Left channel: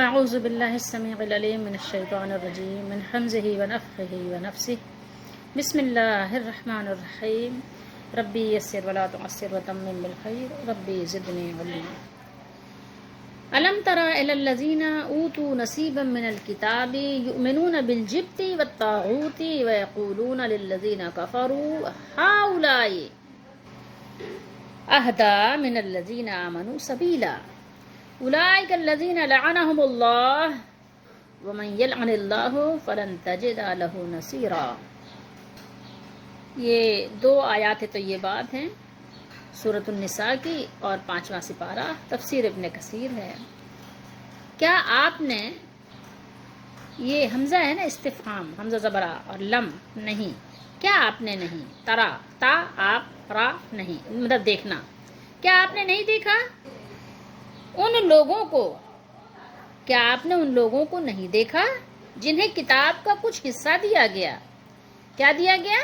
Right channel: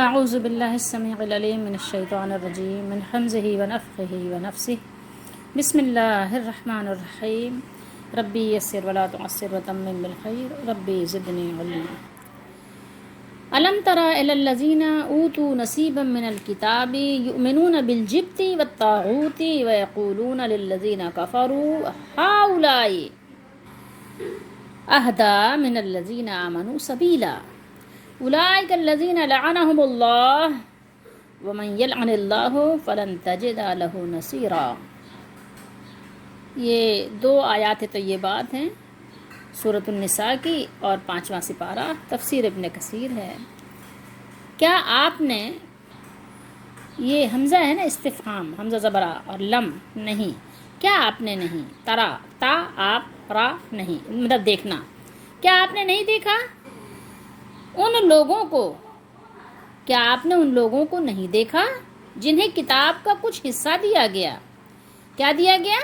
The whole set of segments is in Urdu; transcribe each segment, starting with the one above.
اعوذ باللہ السمیع العلیم من الشیطان الرجیم من حمزہ ونفخہ ونفثہ بسم اللہ الرحمن الرحیم ربی یسر ولا تعسر وتمم بالخیر ربی زدنی علما الم تر الی الذین اوتوا نصیبا من الکتاب یؤمنون بالجبت والطاغوت ویقولون للذین کفروا ہؤلاء اہدی من الذین آمنوا سبیلا اولئک الذین لعنهم اللہ ومن یلعن اللہ فلن تجد له نصیرا۔ یہ دو آیات طیبات ہیں سورۃ النساء کی اور 5واں سپارہ تفسیر ابن کثیر ہے۔ کیا آپ نے، یہ حمزہ ہے نا استفہام، حمزہ زبرہ اور لم نہیں، کیا آپ نے نہیں، ترا تا آپ را نہیں، مطلب دیکھنا، کیا آپ نے نہیں دیکھا ان لوگوں کو، کیا آپ نے ان لوگوں کو نہیں دیکھا جنہیں کتاب کا کچھ حصہ دیا گیا؟ کیا دیا گیا؟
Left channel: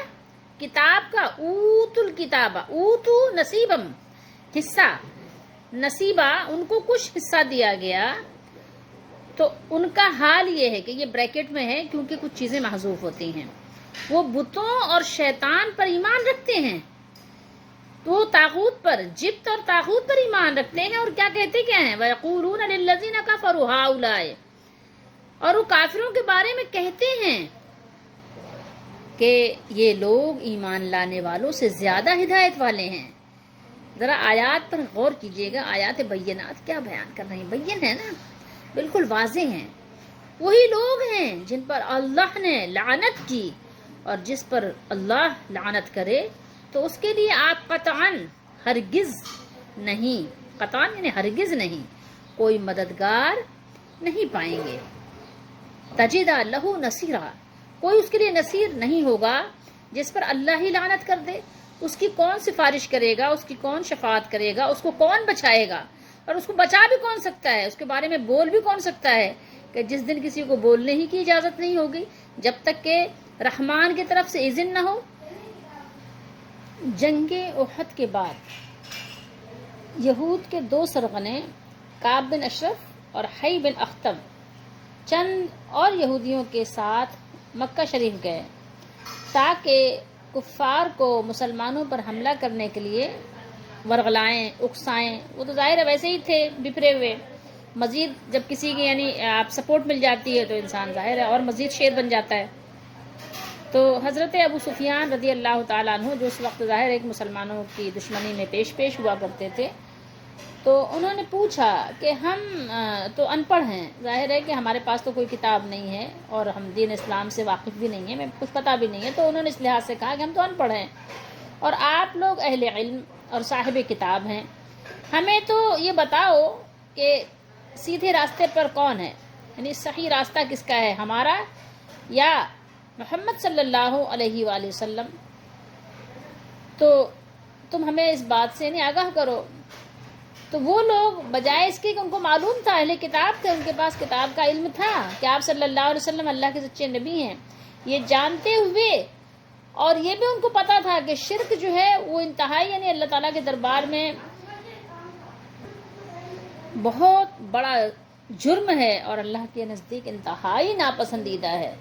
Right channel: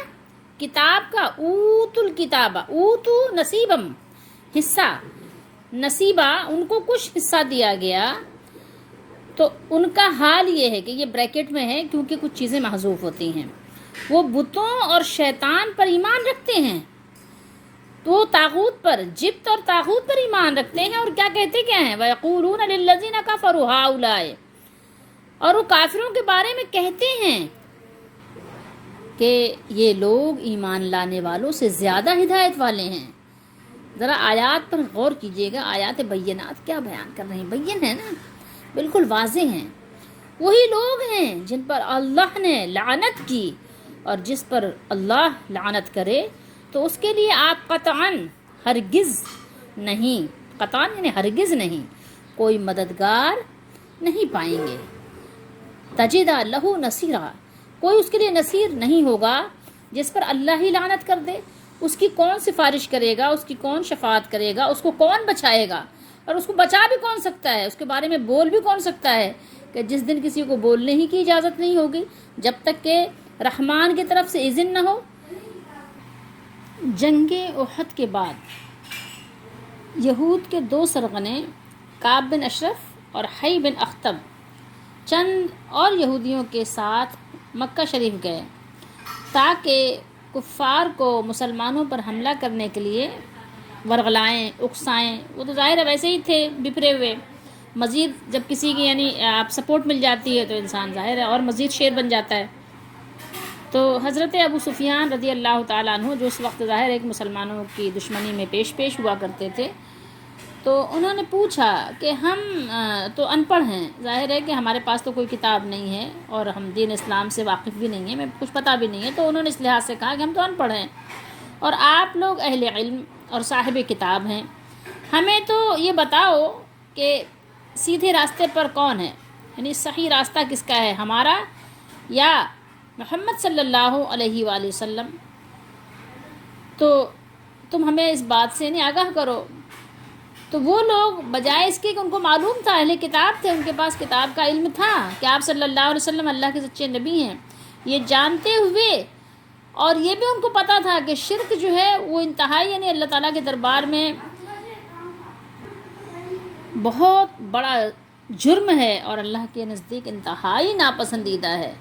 کتاب کا، اوت الکتابہ، اوتو نصیبم، حصہ، نصیبہ، ان کو کچھ حصہ دیا گیا، تو ان کا حال یہ ہے کہ یہ بریکٹ میں ہے کیونکہ کچھ چیزیں محذوف ہوتی ہیں، وہ بتوں اور شیطان پر ایمان رکھتے ہیں، تو وہ طاغوت پر، جبت اور طاغوت پر ایمان رکھتے ہیں، اور کیا کہتے کیا ہیں؟ وَيَقُولُونَ لِلَّذِينَ كَفَرُوا هَؤُلَاءِ، اور وہ کافروں کے بارے میں کہتے ہیں کہ یہ لوگ ایمان لانے والوں سے زیادہ ہدایت والے ہیں۔ ذرا آیات پر غور کیجئے گا، آیات بینات کیا بیان کر رہے ہیں، بین ہے نا، بالکل واضح ہیں۔ وہی لوگ ہیں جن پر اللہ نے لعنت کی، اور جس پر اللہ لعنت کرے تو اس کے لیے آپ قطعاً ہرگز نہیں، قطعاً یعنی ہرگز نہیں، کوئی مددگار نہیں پائیں گے۔ تجد لہ نصیرا، کوئی اس کے لیے نصیر نہیں ہوگا جس پر اللہ ہی لعنت کر دے۔ اس کی کون سفارش کرے گا، اس کی کون شفاعت کرے گا، اس کو کون بچائے گا، اور اس کو بچا بھی کون سکتا ہے، اس کے بارے میں بول بھی کون سکتا ہے، کہ جس دن کسی کو بولنے ہی کی اجازت نہیں ہوگی جب تک کہ رحمان کی طرف سے اذن نہ ہو۔ جنگ احد کے بعد یہود کے دو سرغنے کعب بن اشرف اور حی بن اخطب چند اور یہودیوں کے ساتھ مکہ شریف گئے تاکہ کفار کو مسلمانوں پر حملہ کرنے کے لیے ورغلائیں، اکسائیں۔ وہ تو ظاہر ہے ویسے ہی تھے بپھرے ہوئے، مزید جب کسی کی یعنی آپ سپورٹ مل جاتی ہے تو انسان ظاہر ہے اور مزید شیر بن جاتا ہے۔ تو حضرت ابو سفیان رضی اللہ تعالیٰ عنہ، جو اس وقت ظاہر ہے کہ مسلمانوں کی دشمنی میں پیش ہوا کرتے تھے، تو انہوں نے پوچھا کہ ہم تو ان پڑھ ہیں، ظاہر ہے کہ ہمارے پاس تو کوئی کتاب نہیں ہے اور ہم دین اسلام سے واقف بھی نہیں ہیں، ہمیں کچھ پتہ بھی نہیں ہے، تو انہوں نے اس لحاظ سے کہا کہ ہم تو ان پڑھ ہیں اور آپ لوگ اہل علم اور صاحب کتاب ہیں، ہمیں تو یہ بتاؤ کہ سیدھے راستے پر کون ہے، یعنی صحیح راستہ کس کا ہے، ہمارا یا محمد صلی اللہ علیہ وآلہ وسلم، تو تم ہمیں اس بات سے نہیں آگاہ کرو۔ تو وہ لوگ بجائے اس کے کہ ان کو معلوم تھا، اہل کتاب تھے، ان کے پاس کتاب کا علم تھا کہ آپ صلی اللہ علیہ وسلم اللہ کے سچے نبی ہیں، یہ جانتے ہوئے اور یہ بھی ان کو پتہ تھا کہ شرک جو ہے وہ انتہائی یعنی اللہ تعالیٰ کے دربار میں بہت بڑا جرم ہے اور اللہ کے نزدیک انتہائی ناپسندیدہ ہے،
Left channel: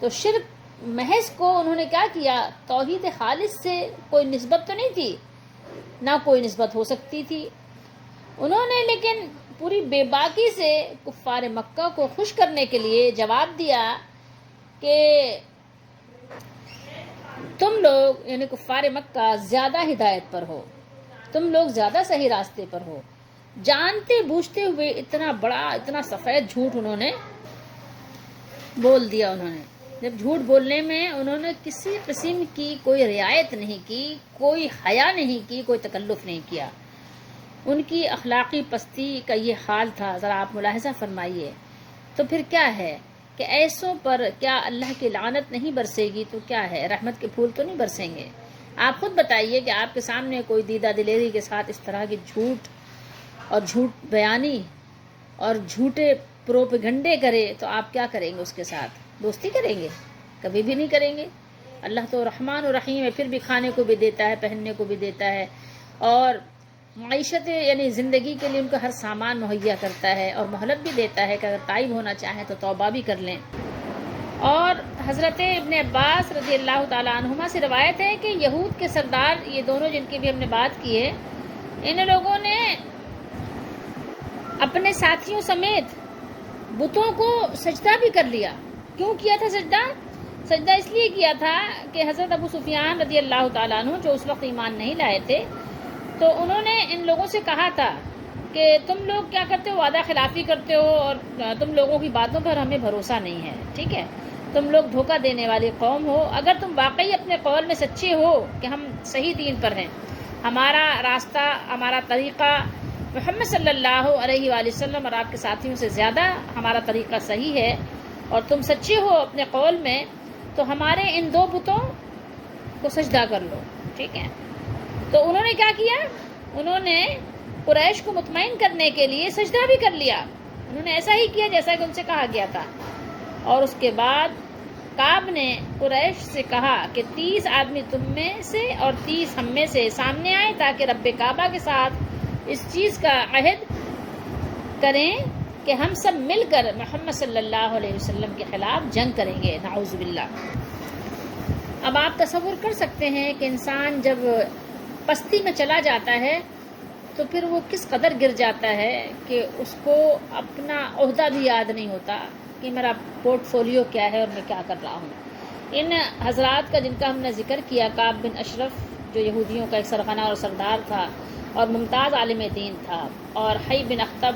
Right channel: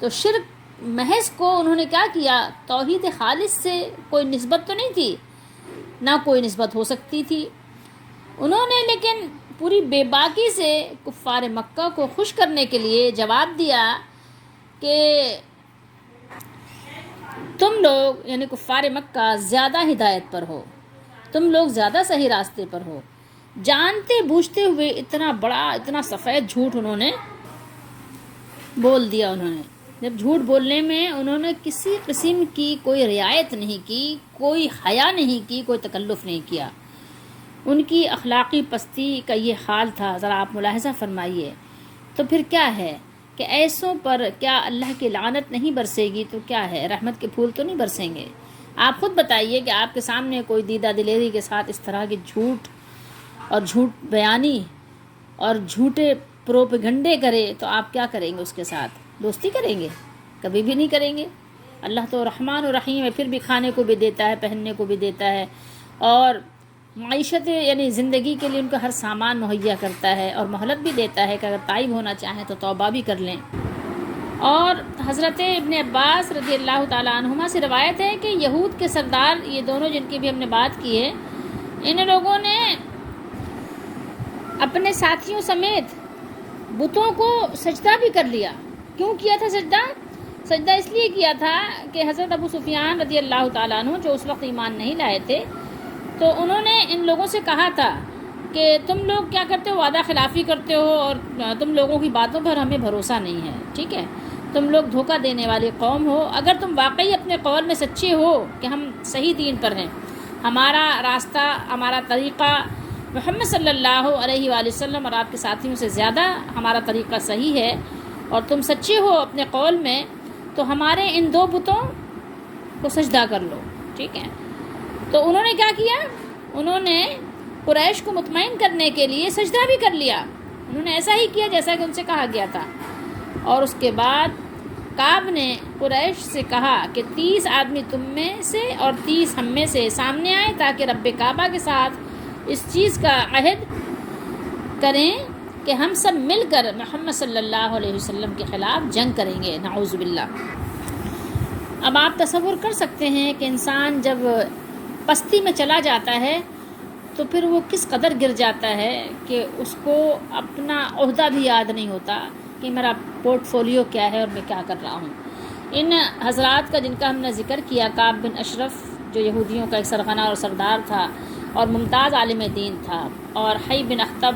تو شرک محض کو انہوں نے کیا کیا، توحید خالص سے کوئی نسبت تو نہیں تھی، نہ کوئی نسبت ہو سکتی تھی، انہوں نے لیکن پوری بے باکی سے کفار مکہ کو خوش کرنے کے لیے جواب دیا کہ تم لوگ یعنی کفار مکہ زیادہ ہدایت پر ہو، تم لوگ زیادہ صحیح راستے پر ہو، جانتے بوجھتے ہوئے اتنا بڑا، اتنا سفید جھوٹ انہوں نے بول دیا۔ انہوں نے جب جھوٹ بولنے میں انہوں نے کسی قسم کی کوئی رعایت نہیں کی، کوئی حیا نہیں کی، کوئی تکلف نہیں کیا، ان کی اخلاقی پستی کا یہ حال تھا، ذرا آپ ملاحظہ فرمائیے۔ تو پھر کیا ہے کہ ایسوں پر کیا اللہ کی لعنت نہیں برسے گی تو کیا ہے، رحمت کے پھول تو نہیں برسیں گے؟ آپ خود بتائیے کہ آپ کے سامنے کوئی دیدہ دلیری کے ساتھ اس طرح کی جھوٹ اور جھوٹ بیانی اور جھوٹے پروپیگنڈے کرے تو آپ کیا کریں گے؟ اس کے ساتھ دوستی کریں گے؟ کبھی بھی نہیں کریں گے۔ اللہ تو رحمان و رحیم ہے، پھر بھی کھانے کو بھی دیتا ہے، پہننے کو بھی دیتا ہے، اور معیشت یعنی زندگی کے لیے ان کا ہر سامان مہیا کرتا ہے اور مہلت بھی دیتا ہے کہ اگر تائب ہونا چاہیں تو توبہ بھی کر لیں۔ اور حضرت ابن عباس رضی اللہ تعالیٰ عنہما سے روایت ہے کہ یہود کے سردار یہ دونوں جن کی بھی ہم نے بات کی ہے، ان لوگوں نے اپنے ساتھیوں سمیت بتوں کو سجدہ بھی کر لیا۔ کیوں کیا تھا سجدہ؟ سجدہ اس لیے کیا تھا کہ حضرت ابو سفیان رضی اللہ تعالیٰ عنہ جو اس وقت ایمان نہیں لائے تھے، تو انہوں نے ان لوگوں سے کہا تھا کہ تم لوگ کیا کرتے ہو، وعدہ خلافی کرتے ہو اور تم لوگوں کی باتوں پر ہمیں بھروسہ نہیں ہے، ٹھیک ہے، تم لوگ دھوکہ دینے والی قوم ہو۔ اگر تم واقعی اپنے قول میں سچے ہو کہ ہم صحیح دین پر ہیں، ہمارا راستہ، ہمارا طریقہ محمد صلی اللہ علیہ وآلہ وسلم اور آپ کے ساتھیوں سے زیادہ ہمارا طریقہ صحیح ہے، اور تم سچے ہو اپنے قول میں، تو ہمارے ان دو بتوں کو سجدہ کر لو، ٹھیک ہے۔ تو انہوں نے کیا کیا؟ انہوں نے قریش کو مطمئن کرنے کے لیے سجدہ بھی کر لیا۔ انہوں نے ایسا ہی کیا جیسا کہ ان سے کہا گیا تھا۔ اور اس کے بعد کعب نے قریش سے کہا کہ 30 آدمی تم میں سے اور 30 ہم میں سے سامنے آئیں تاکہ رب کعبہ کے ساتھ اس چیز کا عہد کریں کہ ہم سب مل کر محمد صلی اللہ علیہ وسلم کے خلاف جنگ کریں گے، نعوذ باللہ۔ اب آپ تصور کر سکتے ہیں کہ انسان جب پستی میں چلا جاتا ہے تو پھر وہ کس قدر گر جاتا ہے کہ اس کو اپنا عہدہ بھی یاد نہیں ہوتا کہ میرا پورٹ فولیو کیا ہے اور میں کیا کر رہا ہوں۔ ان حضرات کا جن کا ہم نے ذکر کیا، کعب بن اشرف جو یہودیوں کا ایک سرغنہ اور سردار تھا اور ممتاز عالم دین تھا، اور حی بن اخطب،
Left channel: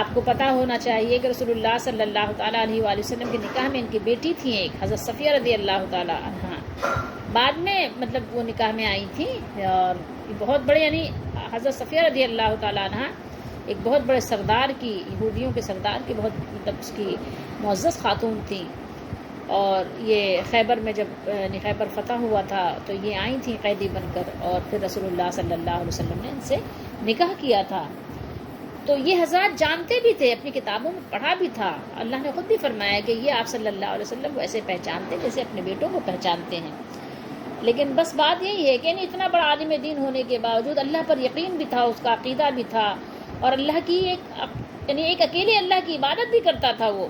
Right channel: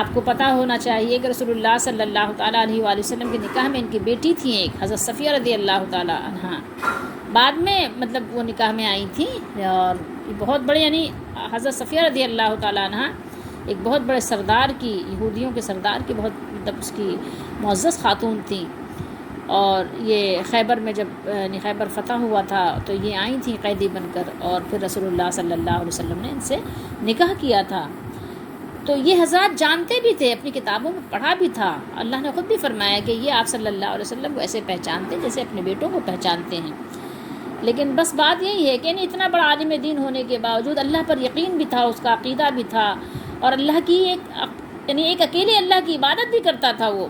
آپ کو پتہ ہونا چاہیے کہ رسول اللہ صلی اللہ تعالیٰ علیہ وآلہ وسلم کے نکاح میں ان کی بیٹی تھی ایک حضرت صفیہ رضی اللہ تعالیٰ عنہ، بعد میں مطلب وہ نکاح میں آئی تھی، اور بہت بڑے یعنی حضرت صفیہ رضی اللہ تعالیٰ عنہ ایک بہت بڑے سردار کی، یہودیوں کے سردار کی بہت مطلب اس کی معزز خاتون تھیں۔ اور یہ خیبر میں جب خیبر فتح ہوا تھا تو یہ آئی تھیں قیدی بن کر، اور پھر رسول اللہ صلی اللہ علیہ وسلم نے ان سے نکاح کیا تھا۔ تو یہ حضرات جانتے بھی تھے، اپنی کتابوں میں پڑھا بھی تھا، اللہ نے خود بھی فرمایا کہ یہ آپ صلی اللہ علیہ وسلم کو ایسے پہچانتے جیسے اپنے بیٹوں کو پہچانتے ہیں۔ لیکن بس بات یہی ہے کہ اتنا بڑا عالم دین ہونے کے باوجود اللہ پر یقین بھی تھا، اس کا عقیدہ بھی تھا، اور اللہ کی ایک اکیلے اللہ کی عبادت بھی کرتا تھا، وہ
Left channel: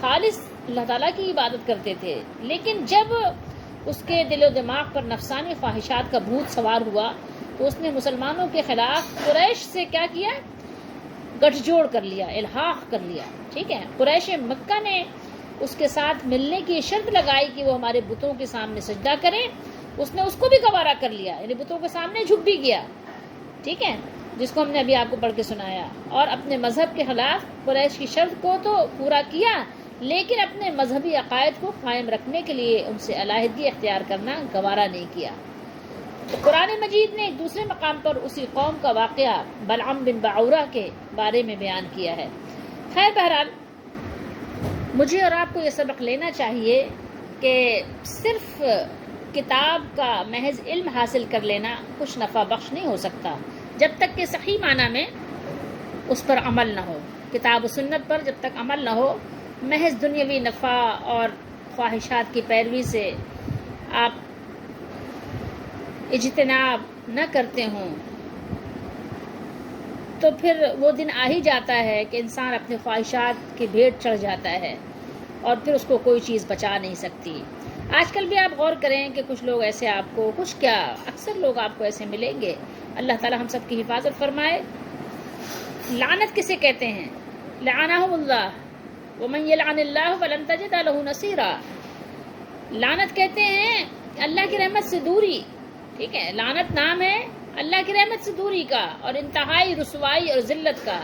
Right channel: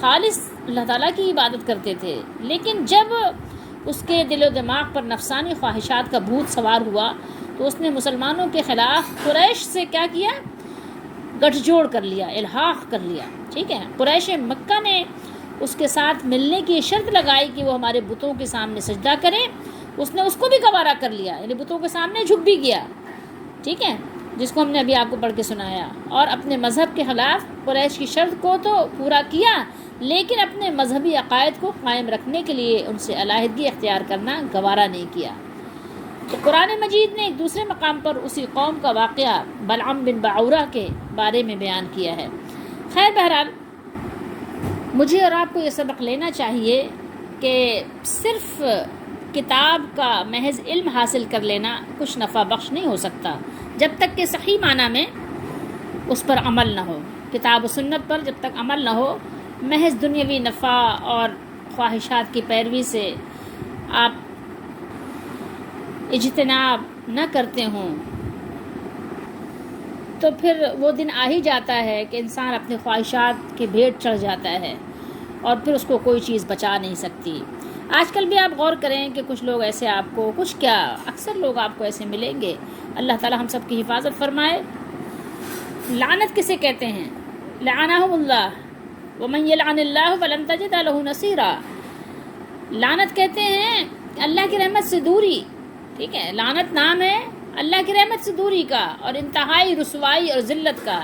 خالص اللہ تعالیٰ کی عبادت کرتے تھے۔ لیکن جب اس کے دل و دماغ پر نفسانی خواہشات کا بھوت سوار ہوا تو اس نے مسلمانوں کے خلاف قریش سے کیا کیا؟ گٹھ جوڑ کر لیا، الحاق کر لیا، ٹھیک ہے۔ قریش مکہ نے اس کے ساتھ ملنے کی شرط لگائی کہ وہ ہمارے بتوں کے سامنے سجدہ کرے، اس نے اس کو بھی گوارا کر لیا، یعنی بتوں کے سامنے جھک بھی گیا، ٹھیک ہے، جس کو ہم نے ابھی آپ کو پڑھ کے سنایا۔ اور اپنے مذہب کے خلاف قریش کی شرط کو تو پورا کیا، لیکن اپنے مذہبی عقائد کو قائم رکھنے کے لیے ان سے علیحدگی اختیار کرنا گوارا نہیں کیا۔ تو قرآن مجید نے ایک دوسرے مقام پر اسی قوم کا واقعہ بلعم بن بعورہ کے بارے میں بیان کیا ہے۔ خیر بہرحال مجھے اور آپ کو یہ سبق لینا چاہیے کہ صرف کتاب کا محض علم حاصل کر لینا کچھ نفع بخش نہیں ہو سکتا جب تک کہ صحیح معنی میں اس پر عمل نہ ہو۔ کتاب و سنت پر جب تک عمل نہ ہو، محض دنیاوی نفع اور خواہشات کی پیروی سے آپ اجتناب نہ کرتے ہوں تو پھر وہ دن آ ہی جاتا ہے کہ انسان اپنی خواہشات کی بھیٹ چڑھ جاتا ہے اور پھر اس کو کوئی چیز بچا نہیں سکتی۔ آج کل بھی آپ غور کریں کہ کچھ لوگ ایسے آپ کو، کچھ کیا اکثر لوگ آپ کو ایسے ملیں گے، اللہ تعالی ہم سب کی حفاظت فرمائے۔ لعنت کسے کہتے ہیں؟ لعنہم اللہ ومن یلعن اللہ فلن تجد لہ نصیرا۔ لعنت کہتے ہیں اللہ کی رحمت سے دوری، ٹھیک ہے، لعنت نام ہے اللہ کی رحمت سے دوری کا اور انتہائی رسوائی اور ذلت کا۔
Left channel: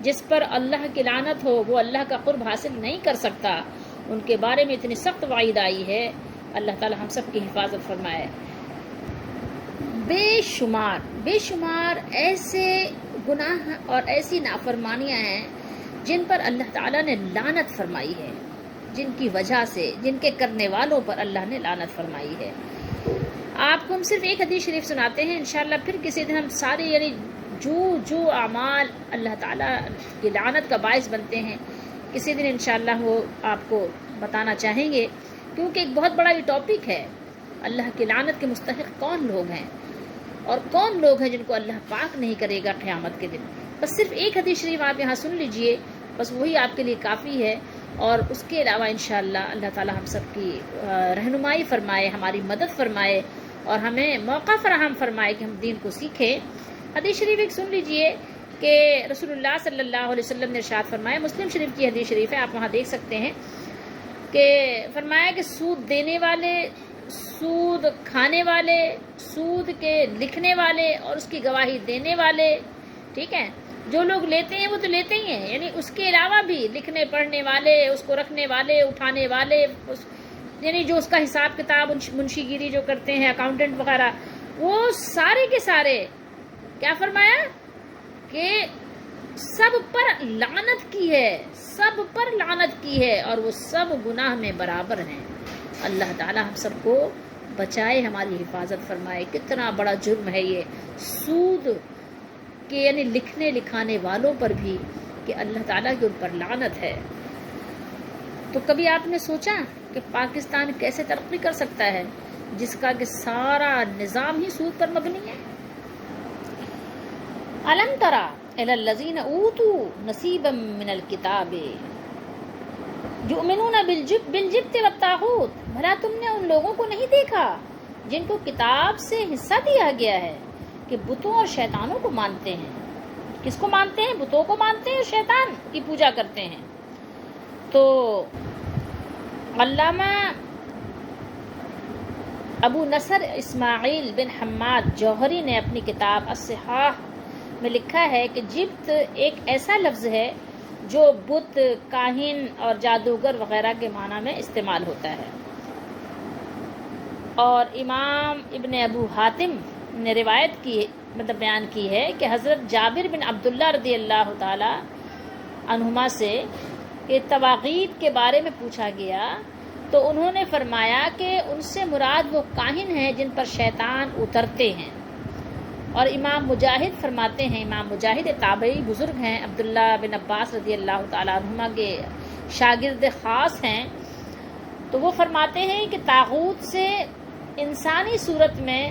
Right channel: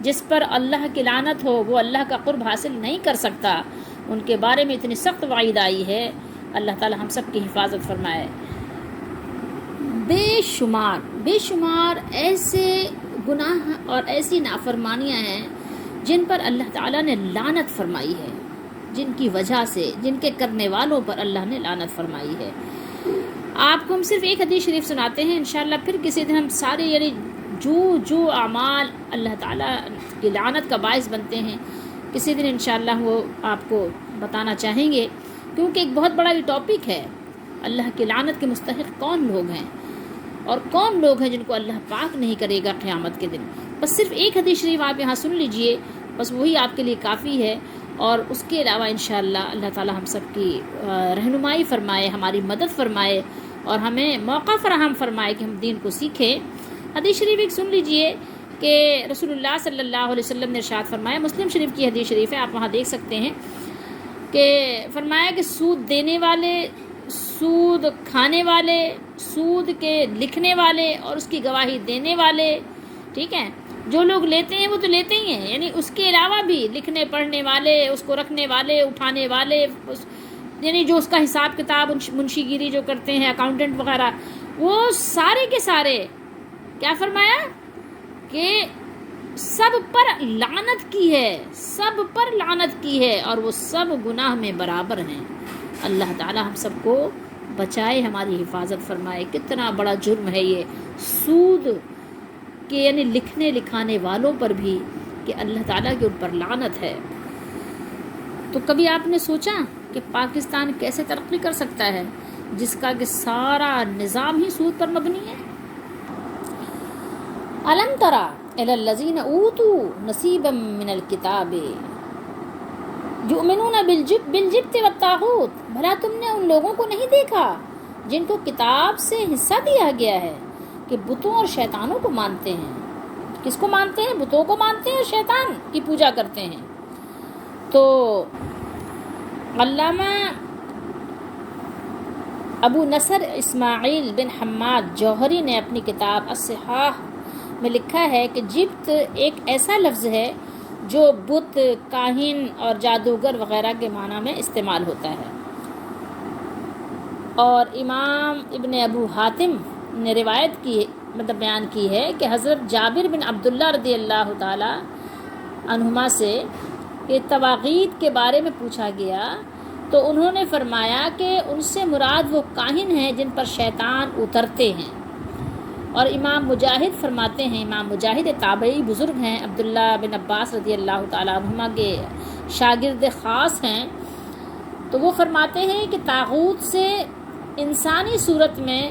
جس پر اللہ کی لعنت ہو وہ اللہ کا قرب حاصل نہیں کر سکتا، ان کے بارے میں اتنی سخت وعید آئی ہے، اللہ تعالی ہم سب کی حفاظت فرمائے۔ بے شمار ایسے گناہ اور ایسی نافرمانیاں ہیں جن پر اللہ تعالیٰ نے لعنت فرمائی ہے، جن کی وجہ سے، جن کے کرنے والوں پر اللہ نے لعنت فرمائی ہے۔ آپ کو ہم صرف ایک حدیث شریف سناتے ہیں، انشاءاللہ پھر کسی دن ہم سارے یعنی جو اعمال اللہ تعالیٰ کی لعنت کا باعث بنتے ہیں کسی دن انشاءاللہ وہ آپ کو بتانا چاہیں گے، کیونکہ ایک بہت بڑا یہ ٹاپک ہے، اللہ کی لعنت کے مستحق کون لوگ ہیں۔ اور کون لوگ ہیں جن کو اللہ پاک نہیں کرے گا قیامت کے دن. بس صرف ایک حدیث شریف آپ یہاں سن لیجئے، بس وہی آپ کے لیے کافی ہے. اور اس کے علاوہ انشاءاللہ اللہ تعالی ہم سب کی رہنمائی فرمائے، ہماری مدد فرمائے اور ہمیں موقع فراہم فرمائے کہ ہم دین کو سیکھیں. حدیث شریف ایک سن لیجئے کہ رسول اللہ صلی اللہ علیہ وسلم نے ارشاد فرمایا، مسلم شریف کی حدیث شریف ہے، آپ وہاں دیکھ سکتے ہیں کہ فرمایا کہ سود دینے والے، سود کھانے والے، سود کے لکھنے والے اور اس کی گواہی دینے والے، ٹھیک ہے، جو لوگ لیتے ہیں وہ تو لیتے ہی ہیں، یعنی اس کے علاوہ بھی لکھنے پڑھنے والے، اس کو رکھنے والے، اٹھانے والے، یعنی جو اس کا حساب کتاب منشی گیری جو کرتے ہیں، اکاؤنٹنٹ وغیرہ، وہ سارے کے سارے کیا فرمایا کہ سب پر لعنت کی ہے، سب پر لعنت کی ہے اور وہ سب گناہ میں برابر ہیں. اللہ تعالی ہم سب کو بچائے، ہماری حفاظت فرمائے. کتنا بڑا جرم ہے یہ سود کہ یعنی لکھنے لکھانے والوں پر بھی کہ اللہ تعالیٰ کے ان پر لعنت ہے. تو کبھی آپ نے سوچا کہ پاکستان کیسے ترقی کر سکتا ہے جس کا کہ سارا نظام ہی سود پر مبنی ہے؟ الم تری الی الذین اوتوا نصیبا من الکتاب یؤمنون بالجبت والطاغوت، بھلا تم نے ان لوگوں کو نہیں دیکھا جن کو کتاب سے حصہ دیا گیا ہے کہ بتوں اور شیطانوں کو مانتے ہیں. کس کو مانتے ہیں؟ بتوں کو مانتے ہیں اور شیطان کی پوجا کرتے ہیں. تو علامہ ابو نصر اسماعیل بن حماد جوہری نے اپنی کتاب الصحاح میں لکھا ہے کہ جبت ایک ایسا لفظ ہے جو بت، کاہن اور جادوگر وغیرہ کے معنی میں استعمال ہوتا ہے. اور امام ابن ابو حاتم نے روایت کی بیان کی ہے کہ حضرت جابر بن عبداللہ رضی اللہ تعالی عنہما سے کہ طواغیت کے بارے میں پوچھا گیا تو انہوں نے فرمایا کہ ان سے مراد وہ کاہن ہیں جن پر شیطان اترتے ہیں. اور امام مجاہد فرماتے ہیں، امام مجاہد تابعی بزرگ ہیں، عبداللہ بن عباس رضی اللہ تعالیٰ عنہما کے شاگرد خاص ہیں، تو وہ فرماتے ہیں کہ طاغوت سے انسانی صورت میں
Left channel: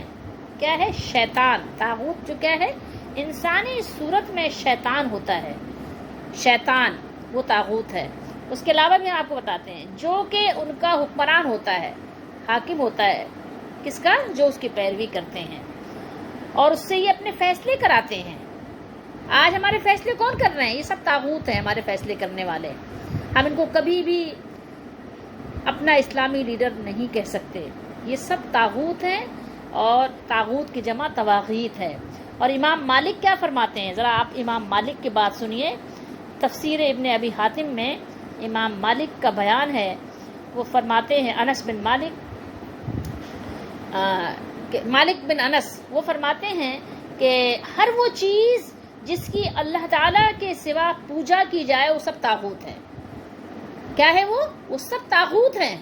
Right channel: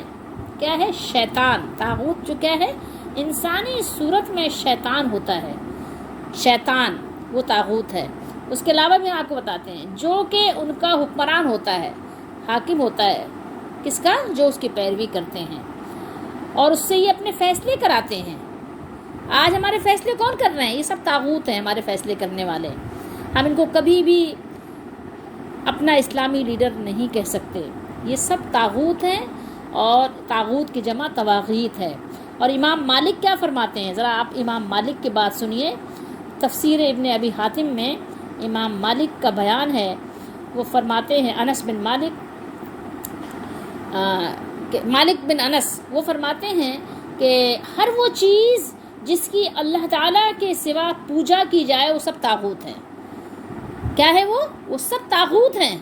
کیا ہے؟ شیطان. طاغوت جو کیا ہے؟ انسانی صورت میں شیطان ہوتا ہے. شیطان وہ طاغوت ہے. اس کے علاوہ بھی ہم آپ کو بتاتے ہیں جو کہ ان کا حکمران ہوتا ہے، حاکم ہوتا ہے. کس کا؟ جو اس کی پیروی کرتے ہیں اور اس سے یہ اپنے فیصلے کراتے ہیں. آج ہمارے فیصلے کون کر رہے ہیں؟ یہ سب طاغوت ہیں، ہمارے فیصلے کرنے والے. ہم ان کو کبھی بھی اپنا اسلامی لیڈر نہیں کہہ سکتے. یہ سب طاغوت ہیں اور طاغوت کی جمع طواغیت ہے. اور امام مالک کیا فرماتے ہیں؟ ذرا آپ امام مالک کی بات سنیے. تفسیر ابن ابی حاتم میں امام مالک کا بیان ہے. وہ فرماتے ہیں، انس بن مالک بن انس وہ فرماتے ہیں کہ ہر وہ چیز جس کی اللہ تعالیٰ کے سوا پوجا کی جائے وہ سب طاغوت ہیں. کیا ہے وہ سب طاغوت ہیں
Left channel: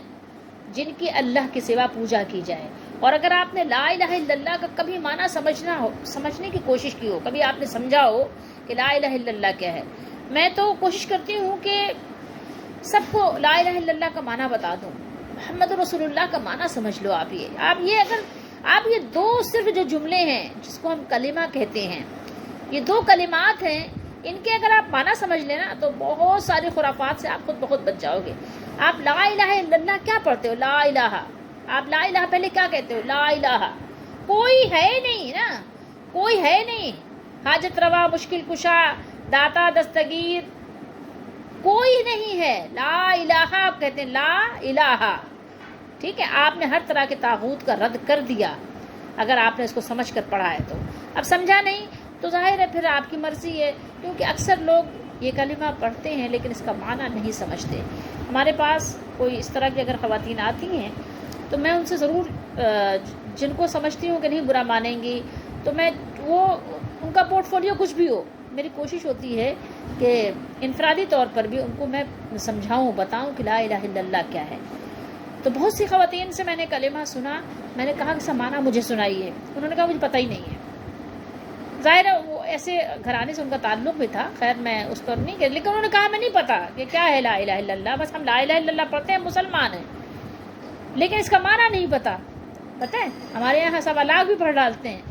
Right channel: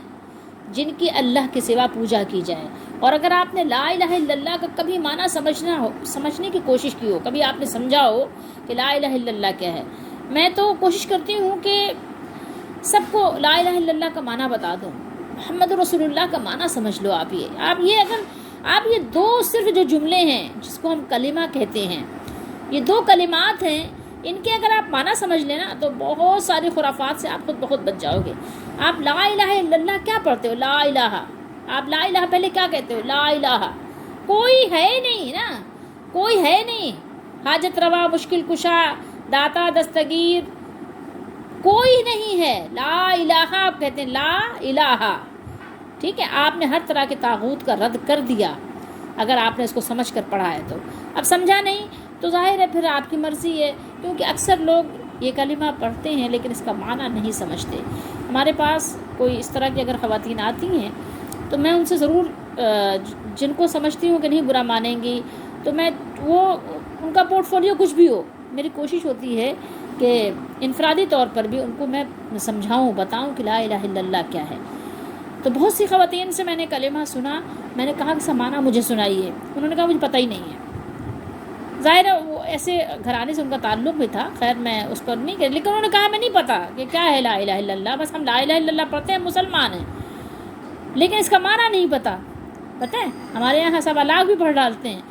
جن کی اللہ کے سوا پوجا کی جائے. اور اگر آپ نے لا الہ الا اللہ کا کبھی معنی سمجھنے کی کوشش کی ہو، کبھی آپ نے سمجھا ہو کہ لا الہ الا اللہ کیا ہے، میں تو کوشش کرتی ہوں کہ سب کو لا الہ الا اللہ کا معنی بتا دوں. محمد رسول اللہ کا معنی سمجھ لو. آپ یہ دو صرف جو جملے ہیں جس کو ہم کلمہ کہتے ہیں، یہ دو کلمات ہیں، ان کے اگر آپ معنی سمجھ لینا تو بہت ساری خرافات سے آپ خود بخود بچ جاؤ گے. آپ لا الہ الا اللہ کیا پڑھتے ہو؟ لا الہ. آپ لا الہ پہلے کیا کہتے ہو؟ لا الہ. کوئی ہے نہیں نا، کوئی ہے نہیں. حاجت روا، مشکل کشا، داتا، دستگیر، کوئی نہیں ہے. لا الہ آپ کہتے ہیں، لا الہ. ٹھیک ہے، آپ نے ہر طرح کے طاغوت کا رد کر دیا اگر آپ نے اس کو سمجھ کر پڑھا ہے تو. اب سمجھا نہیں تو ظاہر ہے پھر آپ کی مرضی ہے، کیونکہ اکثر لوگ یہ کلمہ پڑھتے ہیں لیکن اس کا معنی نہیں سمجھتے. ہمارے پاس کوئی اس طرح کی اگر خواتین آتی ہیں تو میں ان سے ضرور جن کو سمجھتی ہوں کہ نہیں برا مانیں گی تو میں وہ ان کا پورٹ فولیو کچھ بھی ہو، میری کوشش ہوتی ہے کہ انفرادی طور پر بھی ان کو میں سمجھاؤں، بتاؤں کہ لا الہ الا اللہ کیا ہے. تو بہت سی خواتین سے میں نے کلمہ سنا، میں نے کہا کہ سمانا مجھے سنائیے. انہوں نے کہا مجھے پتہ ہی نہیں ہے. ظاہر ہے وہ ایسے گھرانے سے ان کا تعلق بھی تھا، خیر میں اس پر نہیں کہ، لیکن انہوں نے کہا میں نہیں پتہ کہ کیا ہے لا الہ الا اللہ. بس ہم لا الہ الا اللہ پڑھتے ہیں، مسلمان ہیں، لیکن اس کا معنی نہیں پتہ. پتہ ہے ہمارے یہاں سب اللہ بھی پڑھ ڈالتے ہیں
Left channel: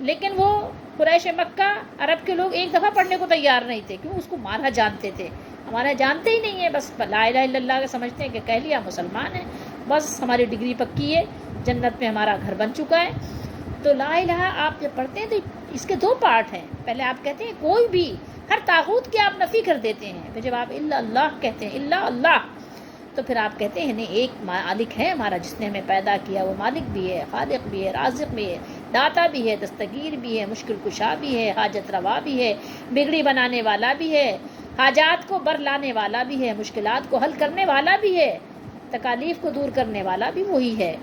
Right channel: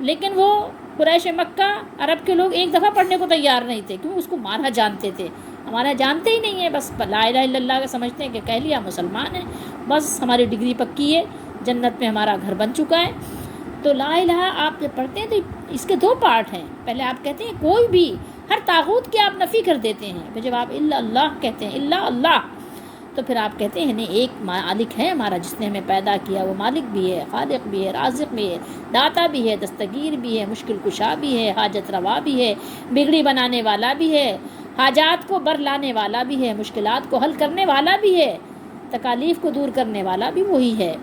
لیکن وہ قریش مکہ عرب کے لوگ ایک دفعہ پڑھنے کو تیار نہیں تھے، کیوں؟ اس کو مارا جانتے تھے. ہمارا جانتے ہی نہیں ہے، بس لا الہ الا اللہ کا سمجھتے ہیں کہ کہہ لیا مسلمان ہیں، بس ہماری ڈگری پکی ہے، جنت میں ہمارا گھر بن چکا ہے. تو لا الہ آپ جب پڑھتے ہیں تو اس کے دو پارٹ ہیں. پہلے آپ کہتے ہیں کوئی بھی ہر طاغوت کی آپ نفی کر دیتے ہیں، پھر جب آپ الا اللہ کہتے ہیں، الا اللہ، تو پھر آپ کہتے ہیں نہیں، ایک مالک ہے ہمارا جس نے ہمیں پیدا کیا، وہ مالک بھی ہے، خالق بھی ہے، رازق بھی ہے، داتا بھی ہے، دستگیر بھی ہے، مشکل کشا بھی ہے، حاجت روا بھی ہے، بگڑی بنانے والا بھی ہے، حاجات کو بر لانے والا بھی ہے، مشکلات کو حل کرنے والا بھی ہے، تکالیف کو دور کرنے والا بھی وہی ہے،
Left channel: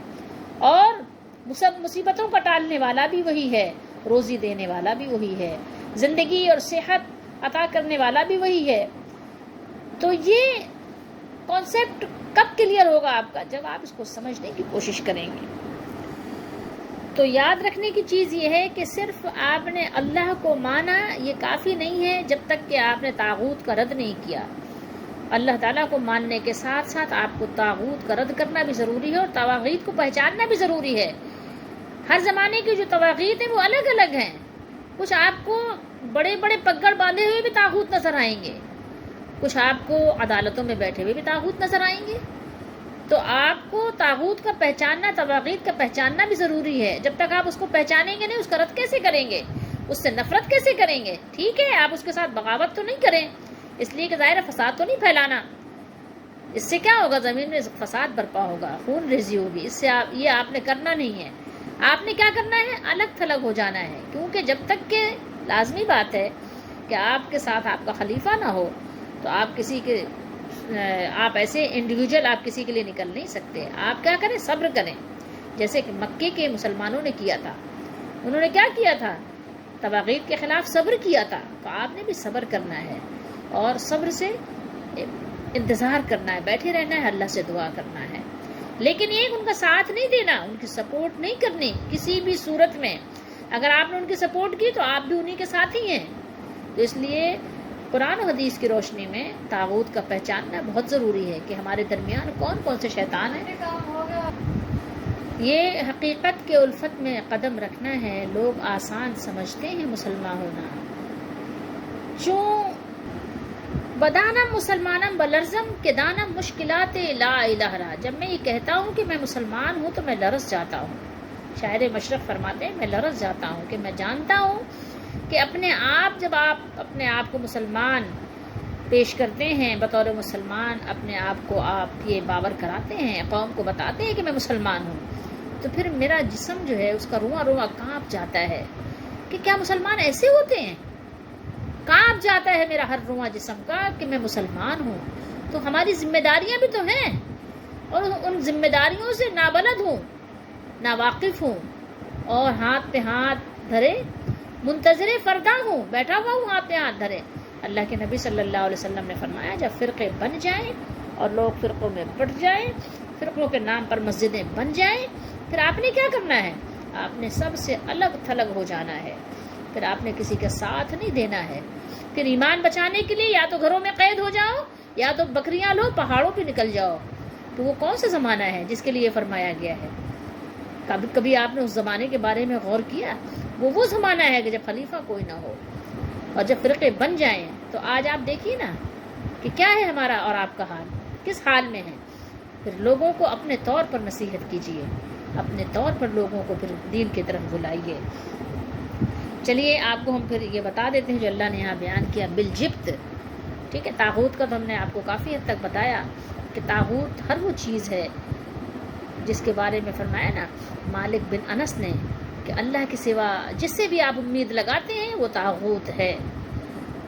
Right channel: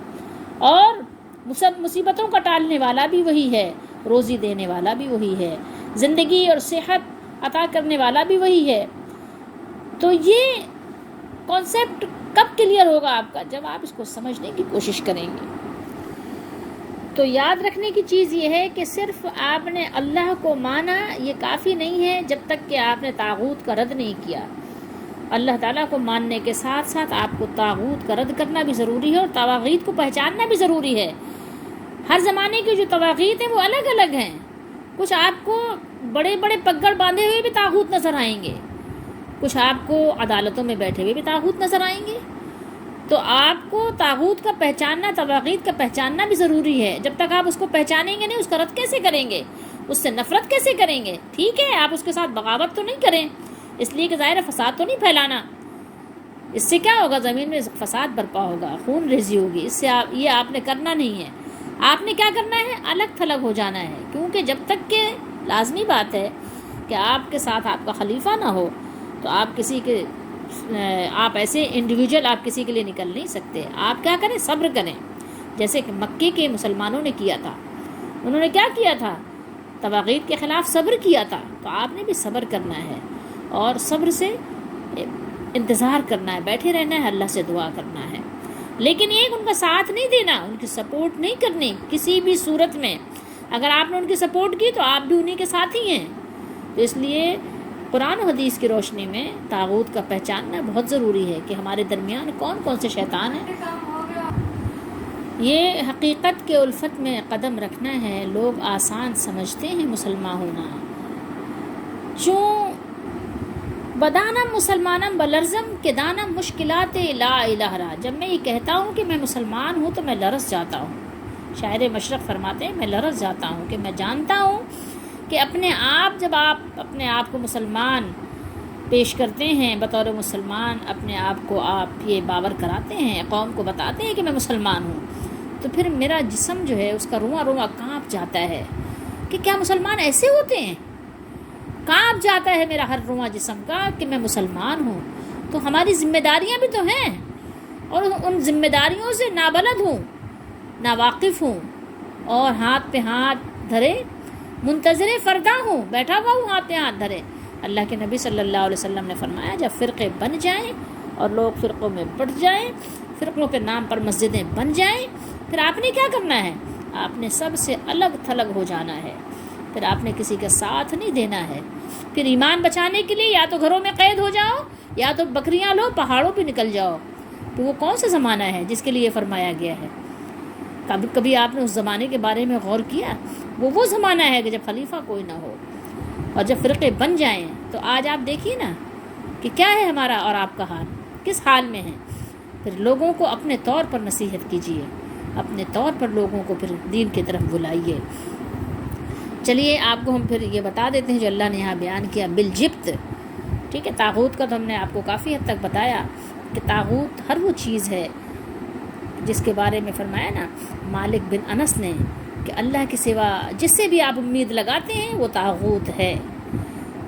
اور مصیبتوں کا ٹالنے والا بھی وہی ہے، روزی دینے والا بھی وہی ہے، زندگی اور صحت عطا کرنے والا بھی وہی ہے. تو یہ کانسیپٹ کب کلیئر ہوگا آپ کا؟ جب آپ اس کو سمجھنے کی کوشش کریں گے. تو یاد رکھنے کی چیز یہ ہے کہ صرف آپ نے اللہ کو مانا یہ کافی نہیں ہے جب تک کہ آپ نے طاغوت کا رد نہیں کیا. اللہ تعالیٰ کو ماننے کے ساتھ ساتھ آپ کو طاغوت کا رد کرنا بھی ضروری ہے، اور طواغیت کو پہچاننا بھی ضروری ہے. ہر زمانے کی جو طواغیت ہیں وہ الگ الگ ہیں. کچھ آپ کو بڑے بڑے پگڑ باندھے ہوئے بھی طاغوت نظر آئیں گے، کچھ آپ کو عدالتوں میں بیٹھے ہوئے بھی طاغوت نظر آئیں گے. تو آپ کو طاغوت کا پہچاننا، طواغیت کا پہچاننا بھی ضروری ہے. جب تک آپ اس کو پہچانیں گے نہیں، اس کا رد کیسے کریں گے؟ اس سے نفرت کیسے کریں گے؟ ٹھیک ہے آپ اس کے ساتھ بغاوت تو نہیں کریں، اس لیے کہ ظاہر فساد تو نہیں پھیلانا. اس سے کیا ہوگا؟ زمین میں فساد برپا ہوگا، خون ریزی ہوگی. اس سے یہ آپ نے کرنا نہیں ہے. آپ نے کیا کرنا ہے؟ الگ تھلگ ہو جانا ہے. کیونکہ جب تک کہ لازمی بات ہے کہ آپ کے ساتھ آپ کا خلیفہ نہ ہو تو آپ کسی کے آپ ایسے انڈیویجول آپ کسی کے لیے نکل نہیں سکتے. آپ کیا کریں؟ صبر کریں. جیسے کہ مکے کے مسلمانوں نے کیا تھا، انہوں نے کیا کیا تھا؟ طواغیت کے خلاف صبر کیا تھا. تو آپ نے بھی صبر کرنا ہے، اور صبر سے انتظار کرنا ہے، بیٹھے رہنا ہے، اللہ سے دعا کرنا ہے. لیکن ایک ان کا ساتھ نہیں دینا، ان کی سپورٹ نہیں کرنی کسی بھی صورت میں. اگر آپ نے ان کی سپورٹ کی تو آپ بھی انہی کے ساتھ ہی ہیں. تو اس لیے قرآن و حدیث کی روشنی میں طاغوت کا پہچاننا بہت ضروری ہے کہ ہمارے درمیان کون کون سے شیطان ہیں. یہ حقیقت کے الفت میں قدم رکھنا ہے. لوگ آسان سمجھتے ہیں مسلمان ہونا. چوں بدانم مسلمانم بلرزم کے دانم مشکلات لا الہ را. جب میں یہ کہتا ہوں کہ میں مسلمان ہوں تو میں لرز جاتا ہوں. شاعر مشرق فرماتے ہیں میں لرز جاتا ہوں کہ میں جانتا ہوں کہ اپنے آپ، جب آپ اپنے آپ کو مسلمان پیش کرتے ہیں، بطور مسلمان اپنے آپ کو آپ یہ باور کراتے ہیں، قوم کو بتاتے ہیں کہ میں مسلمان ہوں، تو پھر میرا جسم جو ہے اس کا رواں رواں کانپ جاتا ہے کہ کیا مسلمان ایسے ہوتے ہیں؟ کانپ جاتا ہے میرا ہر رواں جسم کا کہ میں مسلمان ہوں. تو ہماری ذمہ داریاں بھی تو ہیں، اور ان ذمہ داریوں سے نابلد ہوں، ناواقف ہوں، اور ہاتھ پہ ہاتھ دھرے منتظر فردا ہوں، بیٹھا ہوا ہوں ہاتھ پہ ہاتھ دھرے. اللہ کے نبی صلی اللہ علیہ وسلم نے فرمایا جب فرقے بن جائیں اور لوگ فرقوں میں بٹ جائیں، فرقوں کے نام پر مسجدیں بن جائیں، پھر آپ نے کیا کرنا ہے؟ آپ نے سب سے الگ تھلگ ہو جانا ہے. پھر آپ نے کسی کے ساتھ نہیں دینا ہے. پھر ایمان بچانے کے لیے یا تو گھروں میں قید ہو جاؤ، یا تو بکریاں لو پہاڑوں پہ نکل جاؤ. تو وہ کون سا زمانہ ہے جس کے لیے فرمایا گیا ہے؟ کبھی آپ نے اس زمانے کے بارے میں غور کیا؟ وہ زمانہ ہے کہ جب خلیفہ کوئی نہ ہو اور جب فرقے بن جائیں. تو آج آپ دیکھیے نا کہ کیا ہے ہمارا اور آپ کا حال، کس حال میں ہے. پھر لوگوں کو اپنے طور پر نصیحت کیجیے، اپنے طور پر لوگوں کو پھر دین کی طرف بلائیے. چلیے آپ کو ہم پھر یہ بتا دیتے ہیں جو اللہ نے یہاں بیان کیا بالجبت. ٹھیک ہے، طاغوت کا تو ہم نے آپ کو کافی حد تک بتایا کہ طاغوت ہر وہ چیز ہے جس کے بارے میں فرمایا نا مالک بن انس نے کہ اللہ کے سوا جس سے بھی آپ امید لگاتے ہیں وہ طاغوت ہے.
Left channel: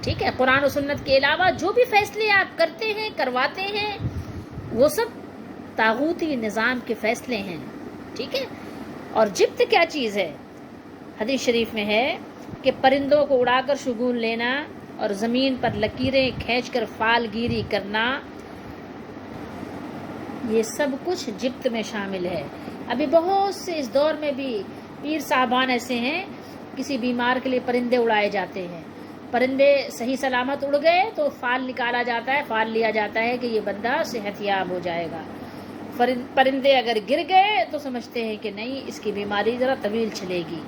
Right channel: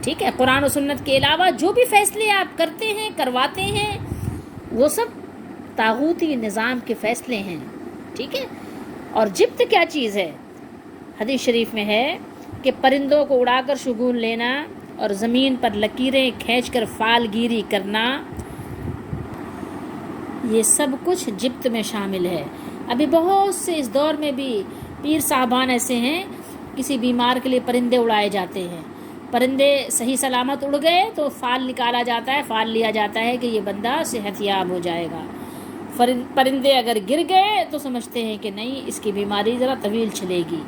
ٹھیک ہے، قرآن و سنت کے علاوہ جو بھی فیصلے آپ کرتے ہیں، کرواتے ہیں، وہ سب طاغوتی نظام کے فیصلے ہیں. ٹھیک ہے. اور جبت کیا چیز ہے؟ حدیث شریف میں ہے کہ پرندوں کو اڑا کر شگون لینا اور زمین پر لکیریں کھینچ کر فال گیری کرنا، یہ سب کچھ جبت میں شامل ہے. ابھی بہت سے اس دور میں بھی پیر صاحبان ایسے ہیں، کسی بیمار کے لیے پرندے اڑائے جاتے ہیں. پرندے صحیح سلامت اڑ گئے تو فال نکالا جاتا ہے، فال لیا جاتا ہے کہ یہ بندہ صحت یاب ہو جائے گا. پرندے اگر گر گئے تو سمجھتے ہیں کہ نہیں، اس کی بیماری ذرا طویل چلے گی.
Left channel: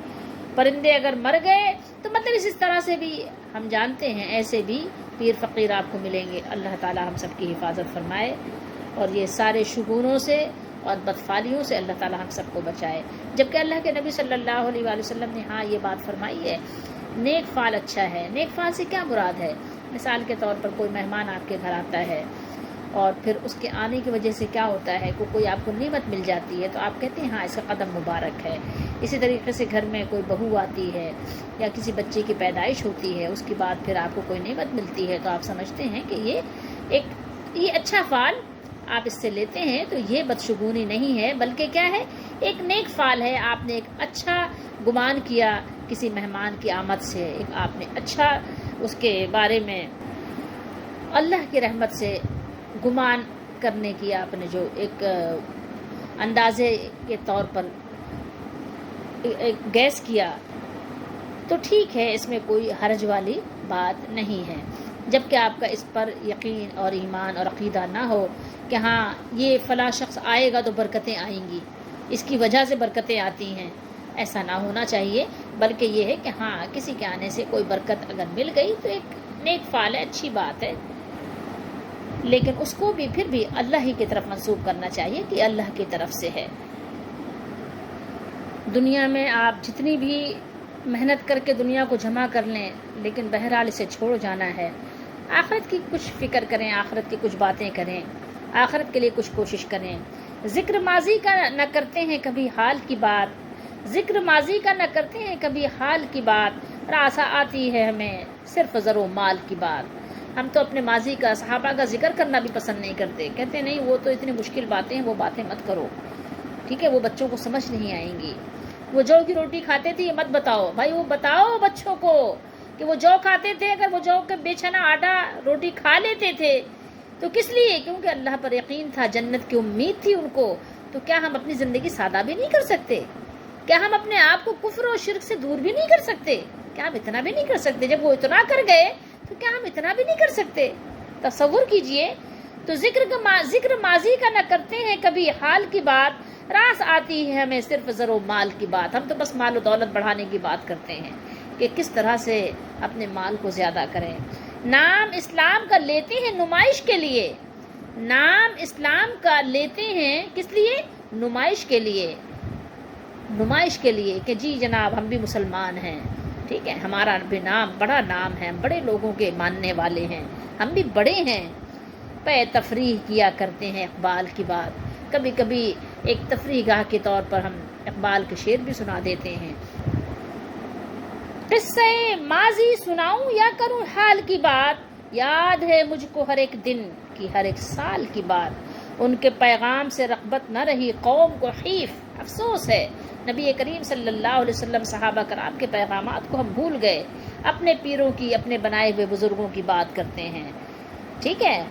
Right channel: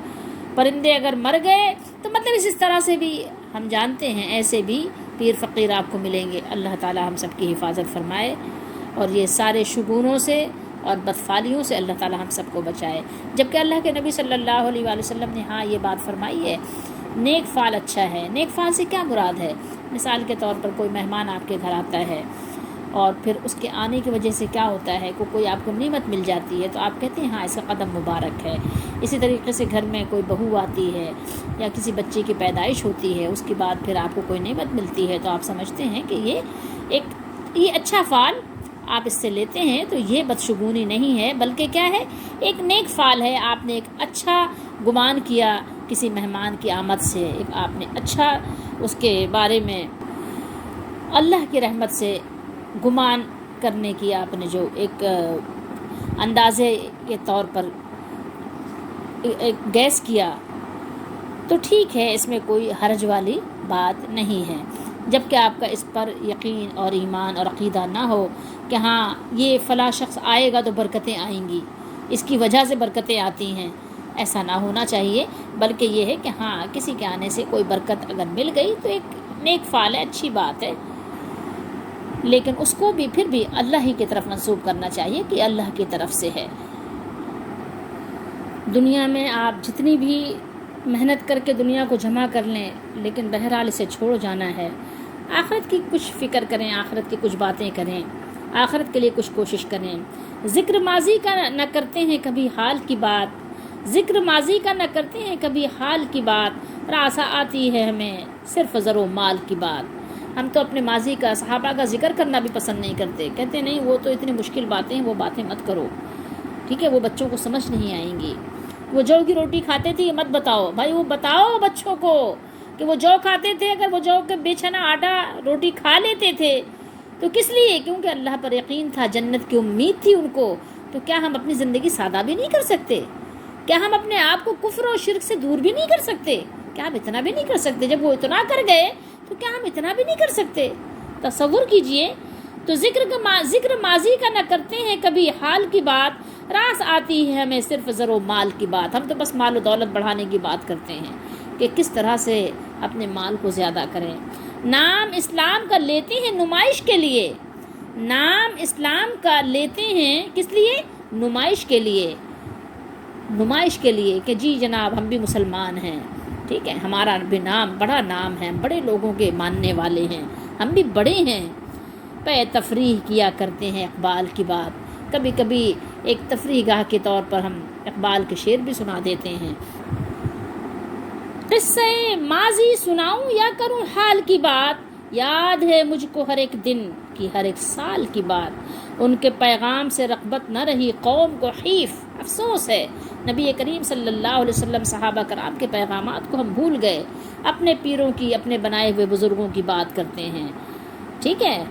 پرندے اگر مر گئے تو مطلب اس طرح سے بھی ہم جانتے ہیں ایسے بھی پیر فقیر آپ کو ملیں گے. اللہ تعالی ہم سب کی حفاظت فرمائے اور یہ سارے شگونوں سے اور بدفعلیوں سے اللہ تعالی ہم سب کو بچائے. جبکہ اللہ کے نبی صلی اللہ علیہ وآلہ وسلم نے ہاں یہ بات فرمائی ہے نیک فعل اچھا ہے. نیک فعل سے کیا مراد ہے؟ مثال کے طور پر کوئی مہمان آپ کے گھر آتا ہے اور پھر اس کے آنے کی وجہ سے کیا ہوتا ہے کوئی آپ کو نعمت مل جاتی ہے تو آپ کہتے ہیں ہاں اس کا قدم مبارک ہے. اسی طریقے سے گھر میں کوئی بہو آتی ہے یا کسی بچے کی پیدائش ہوتی ہے اس کے بعد پھر آپ کو کوئی نعمت ملتی ہے تو آپ سمجھتے ہیں کہ یہ اچھا فعل آپ اس سے لیتے ہیں. تو یہ بدشگونی نہیں ہے بلکہ کیا ہے ایک نیک فعل ہے. آپ نے ایک اچھا گمان کیا کسی مہمان کی آمد سے, ایک آپ نے اچھا اس کے بارے میں اللہ کی رحمت سے گمان کرنے کی آپ نے جو ایک اندازے کے طور پر ایک گیس کیا تو ٹھیک ہے, اس میں کوئی حرج والی بات نہیں ہے. جب کہ آپ کا اس پر یقین اور ایمان اور عقیدہ نہ ہو کہ ہاں یہ فلاں شخص آئے گا تو برکتیں آئیں گی, اس کی وجہ سے برکتیں آتی ہیں, ایسا نہ ہونا چاہیے. بلکہ یہ ہے کہ ہاں کسی کے آنے سے کوئی برکت اگر مل گئی تو ایک نیک فعل ہے, اچھی بات ہے, لیکن اس کو بھی پھر بھی اللہ ہی کی طرف منسوب کرنا چاہیے کہ اللہ کی طرف سے ہے. دنیا میں آپ جتنی بھی محنت کر کے دنیا کو جمع کر لیں لیکن بہرحال اسے چھوڑ جانا ہے. آخرت کی کچھ فکر کریں, آخرت کی کچھ باتیں کریں, آخرت کے لیے کچھ کوشش کریں. ذکر ماضی کا نہ کرتے ہیں کبھی حال کی بات, ذکر ماضی کا نہ کرتے ہیں کبھی حال کی بات, راسا آتی ہے ہمیں صرف زر و مال کی بات. ہم تو اپنے ماضی کا صحابہ کا ذکر کرنا بھی پسند نہیں کرتے, کہتے نہیں وہ تو اتنی مشکل باتیں ہیں, وہ باتیں مت کرو, ٹھیک ہے, وہ بچوں کو سمجھ نہیں آئیں گی. وہ جو کی روٹی کھاتے تھے یہ مت بتاؤ بھائی, وہ بتاؤ بچوں کو کہ وہ جو کھاتے تھے, اگر وہ جو کے بیچنا آٹا روٹی کھا لیتے تھے تو کس لیے؟ کیونکہ اللہ پر یقین تھا, جنت کی امید تھی ان کو. تو کیا ہم اپنی زندگی سادہ بھی نہیں کر سکتے؟ کیا ہم اپنے آپ کو کفر و شرک سے دور بھی نہیں کر سکتے؟ کیا ہم اتنا بھی نہیں کر سکتے؟ جب وہ اتنا کر گئے تو کیا ہم اتنا بھی نہیں کر سکتے؟ تصور کیجئے. تو ذکر ماضی کا نہ کرتے ہیں کبھی حال کی بات, راس آتی ہے ہمیں صرف زر و مال کی بات. ہم تو بس مال و دولت بڑھانے کی بات کرتے ہیں کہ کس طرح سے اپنے مال کو زیادہ کریں. نام اسلام کا لیتے ہیں نمائش کے لیے, نام اسلام کا لیتے ہیں کس لیے؟ نمائش کے لیے, نمائش کے لیے کہ جی جناب ہم بھی مسلمان ہیں, ٹھیک ہے, ہمارا بھی نام بڑا نام ہے, ہم بڑے لوگوں کے ماننے والے ہیں, ہم بھی بڑے ہیں. پہ تفریح کیا کرتے ہیں اقبال کی بات. کبھی کبھی ایک تفریح گاہ کے طور پر ہم اقبال کے شعر بھی سنا دیتے ہیں. قصے ماضی سناؤں یا کروں حال کی بات, یاد ہے مجھ کو ہر ایک دن کی ہر ایک سال کی بات. ان کے پیغام سے رغبت نہ رہی قوم کو حیف, افسوس ہے. نبی کریم صلی اللہ علیہ وسلم صحابہ کرام کے پیغامات کو ہم بھول گئے, اپنے پیروں کی, اپنے بنائے ہوئے بزرگوں کی بات کرتے ہیں, ٹھیک ہے.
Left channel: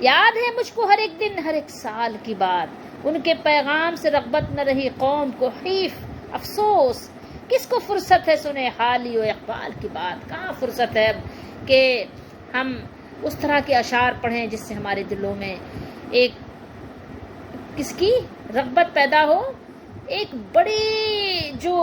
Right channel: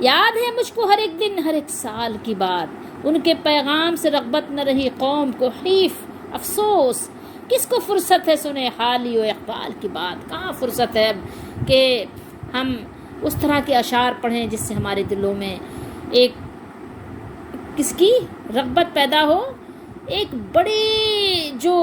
یاد ہے مجھ کو ہر ایک دن ہر ایک سال کی بات, ان کے پیغام سے رغبت نہ رہی قوم کو حیف, افسوس. کس کو فرصت ہے سنے حالی و اقبال کی بات؟ کہاں فرصت ہے اب کہ ہم اس طرح کے اشعار پڑھیں جس سے ہمارے دلوں میں ایک کس کی رغبت پیدا ہو. ایک بڑی جو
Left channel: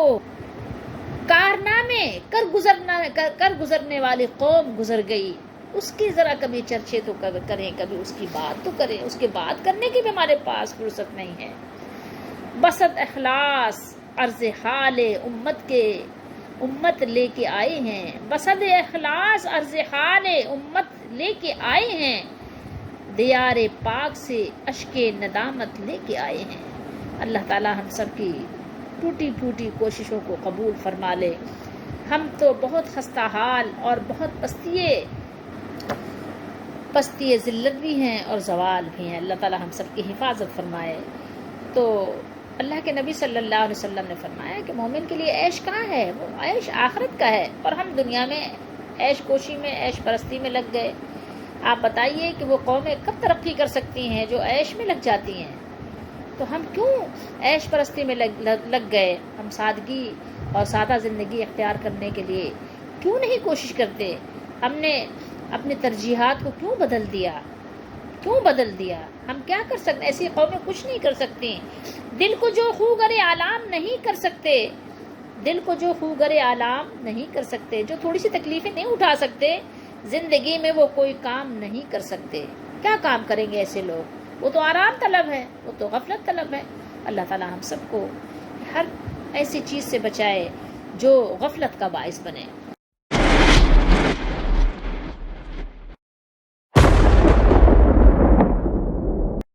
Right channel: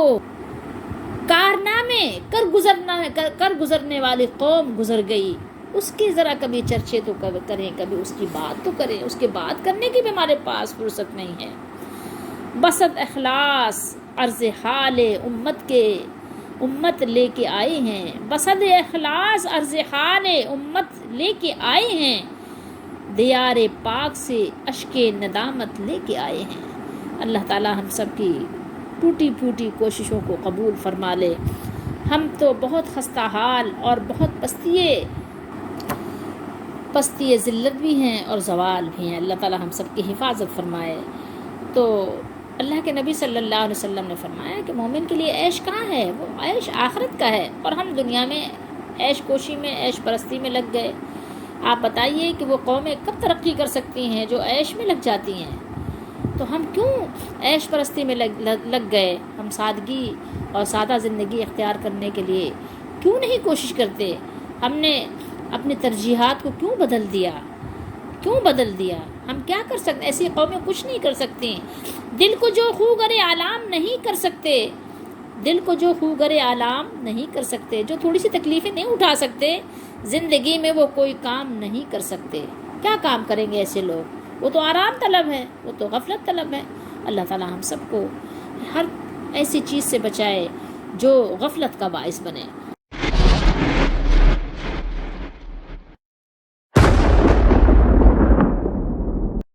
کارنامے کر گزرنے والی قوم گزر گئی, اس کی ذرا کبھی چرچے تو کریں, کبھی اس کی بات تو کریں. اس کے بات کرنے کی بھی ہمارے پاس فرصت نہیں ہے. بسط اخلاص عرض حال امت لے کے آئے ہیں, بسط اخلاص عرض حال امت لے کے آئے ہیں, دیار پاک سے اشک ندامت لے کے آئے ہیں. اللہ تعالی ہم سب کی ٹوٹی پھوٹی کوششوں کو قبول فرما لے. ہم تو بہت خستہ حال اور بہت پستی ذلت بھی ہیں اور زوال بھی ہیں. اللہ تعالی ہم سب کی حفاظت فرمائے. تو اللہ کے نبی صلی اللہ علیہ وسلم نے فرمایا کہ مومن کے لیے عیش کہاں ہے, وہ عیش آخرت کا ہے, اور ہم دنیا میں عیش کوشی میں, عیش پرستی میں لگ گئے. آپ بتائیے کہ وہ قومیں کب ترقی کر سکتی ہیں جو عیش میں لگ جاتی ہیں؟ تو ہم کیوں عیش پرستی میں لگ گئے؟ ہم سادگی اور سادہ زندگی اختیار کرنے کے لیے کیوں نہیں کوشش کرتے؟ ہم نے اپنی ترجیحات کو کیوں بدل دیا؟ ہم کیا کر سکتے؟ ایسی قومیں کچھ نہیں کر سکتی. دل کو جو خو گرے آلام نہیں کر سکتے, دل کو جو خوگر آلام نہیں کر سکتے، جو تھوڑی سی تکلیفیں نہیں اٹھا سکتے، زندگی میں وہ کوئی کام نہیں کر سکتے۔ کیا کام کریں گے ایسے لوگ؟ وہ تو آرام طلب ہے، وہ تو غفلت طلب ہے۔ اللہ تعالیٰ ہم سب کو ہر ایسی چیز سے بچائے جو غفلت کا باعث بنے۔